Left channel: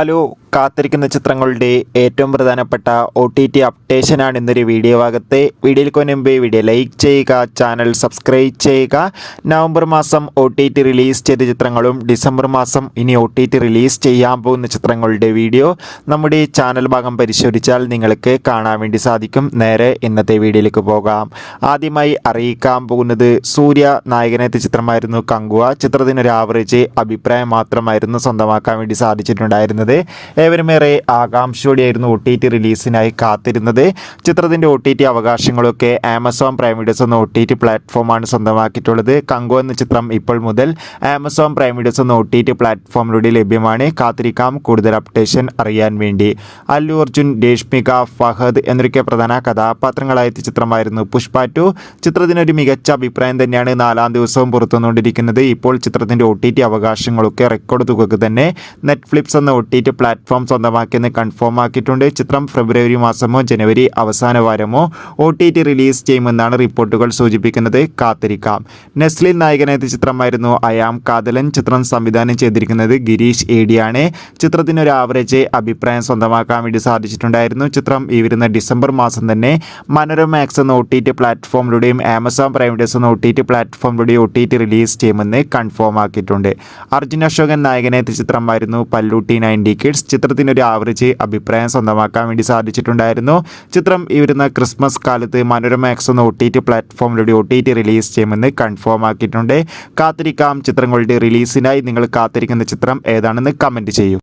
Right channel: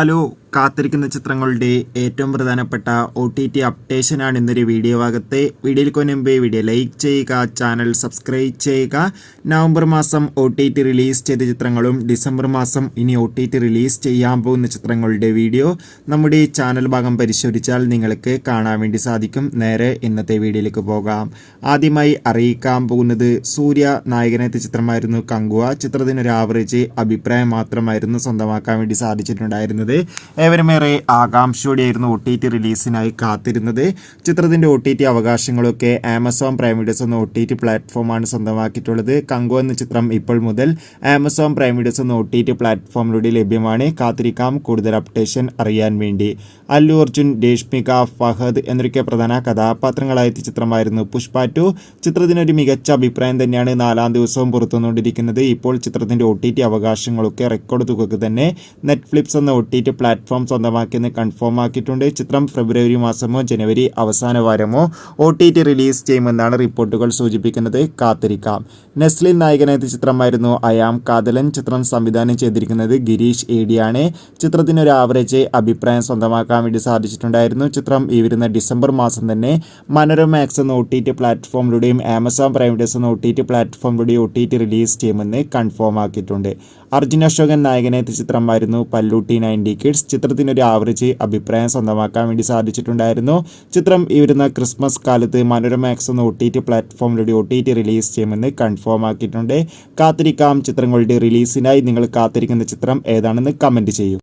Hello, കാത്തിരിക്കുന്ന ചിത്രങ്ങളുടെ ഏറ്റവും പ്രധാനപ്പെട്ട OTT അപ്ഡേഷനാണ് ഇന്നൊരു വീഡിയോ ഭാഗത്തെ. വീഡിയോയിൽ മുൻപ് വീഡിയോ ലൈക്ക് ചെയ്യുക, ചാനൽ സബ്സ്ക്രൈബ് ചെയ്യുക. നവംബർ മാസം OTT റിലീസ് ചെയ്ത ചിത്രങ്ങളും ഡിസംബർ മാസം ഇനി OTT റിലീസ് ചെയ്യാൻ പോകുന്ന ചിത്രങ്ങളുടെ വീഡിയോ നമ്മുടെ ഈ ചാനൽ ഭാഗം പരിശോധിച്ചാൽ നിങ്ങൾക്ക് കാണാൻ വേണ്ടി സാധിക്കും. നേരെ ഇന്നത്തെ വീഡിയോയിലേക്ക് പോകാം. ആദ്യമായി അറിയിക്കാൻ പോകുന്നത് സൂര്യ നായകനെത്തിയ ചിത്രമായിരുന്നു കങ്കുവ. ചിത്രത്തിനൊരു ആവറേജ് അഭിപ്രായം മാത്രമായിരുന്നു സ്വന്തമാക്കാൻ വേണ്ടി സാധിച്ചിട്ടുണ്ടായിരുന്നത്. ഏവരുമേറെ ആകാംക്ഷയോടെയായിരുന്നു OTT റിലീസിനായി കാത്തിരുന്നത്. ചിത്രത്തിൻ്റെ OTT അവകാശങ്ങളൊക്കെ ആമസോൺ പ്രൈം വീഡിയോസ് എന്ന OTT പ്ലാറ്റ്ഫോമാണ് സ്വന്തമാക്കിയിട്ടുള്ളത്. കങ്കോ എന്ന ചിത്രം ഇപ്പോൾ മുതൽ ആമസോൺ പ്രൈം വീഡിയോസ് എന്ന OTT പ്ലാറ്റ്ഫോമിലൂടെ ലഭ്യമാണ്. കാത്തിരിക്കാം കൂടുതൽ അപ്ഡേഷൻ അറിയാൻ വേണ്ടി. അല്ലു അർജുൻ, രേഷ്മിക, ഫഹദ് എന്നൊക്കെ പ്രധാന കഥാപാത്രങ്ങളായ ചിത്രമായിരുന്നു പുഷ്പ 2. ചിത്രത്തിനൊരു മികച്ച അഭിപ്രായം തന്നെയാണ് 4-ാം ദിവസവും പുറത്തുവന്നുകൊണ്ടിരിക്കുന്നത്. ഇപ്പോൾ ചിത്രത്തിൻ്റെ OTT അവകാശങ്ങളൊക്കെ റെക്കോർഡ് തുകക്ക് തന്നെ നെറ്റ്ഫ്ലിക്സ് എന്ന OTT പ്ലാറ്റ്ഫോം സ്വന്തമാക്കിയെന്ന് കൺഫേം ആക്കിയിട്ടുണ്ട്. ചിത്രം ഫെബ്രുവരി മാസമോ ജനുവരി അവസാന വാരമോ OTT റിലീസ് ചെയ്യുമെന്നാണ് റിപ്പോർട്ടുകൾ സൂചിപ്പിക്കുന്നത്. കാത്തിരിക്കാം. നെസ്ലിൻ നായകനെത്തിയ ചിത്രമായിരുന്നു അയാം കാതലൻ. ചിത്രം സംവിധാനം ചെയ്തിരിക്കുന്നത് ഗിരീഷ് ഏടിയാണ്. ചിത്രത്തിനൊരു ആവറേജ് അഭിപ്രായം സ്വന്തമാക്കാൻ വേണ്ടി സാധിച്ചിട്ടുണ്ടായിരുന്നു. ചിത്രം ഈ വരുന്ന ഡിസംബർ മാസം തന്നെ മനോരമാക്സ് എന്ന OTT പ്ലാറ്റ്ഫോമിലൂടെയും ആമസോൺ പ്രൈം വീഡിയോസ് എന്ന OTT പ്ലാറ്റ്ഫോമിലൂടെയും OTT റിലീസ് ചെയ്യുമെന്ന് കൺഫേം ആക്കിയിട്ടുണ്ട്. അർജുൻ അശോകൻ നായകനെത്തിയ ചിത്രമായിരുന്നു പല്ലൂട്ടി 90 കിഡ്സ്. ചിത്രത്തിനൊരു ആവറേജ് അഭിപ്രായം സ്വന്തമാക്കാൻ വേണ്ടി സാധിച്ചിട്ടുണ്ടായിരുന്നു. ചിത്രം ഈ വരുന്ന ക്രിസ്മസ് കാലത്ത് മനോരമാക്സ് എന്ന OTT പ്ലാറ്റ്ഫോമിലൂടെ OTT റിലീസ് ചെയ്യുമെന്ന് കൺഫേം ആക്കിയിട്ടുണ്ട്. കാത്തിരിക്കാം ചിത്രങ്ങളുടെ റിലീസിനായി. നിങ്ങൾ കാത്തിരിക്കുന്ന ചിത്രം ഏതാണെന്ന് കമൻറ്റ് ചെയ്യൂ.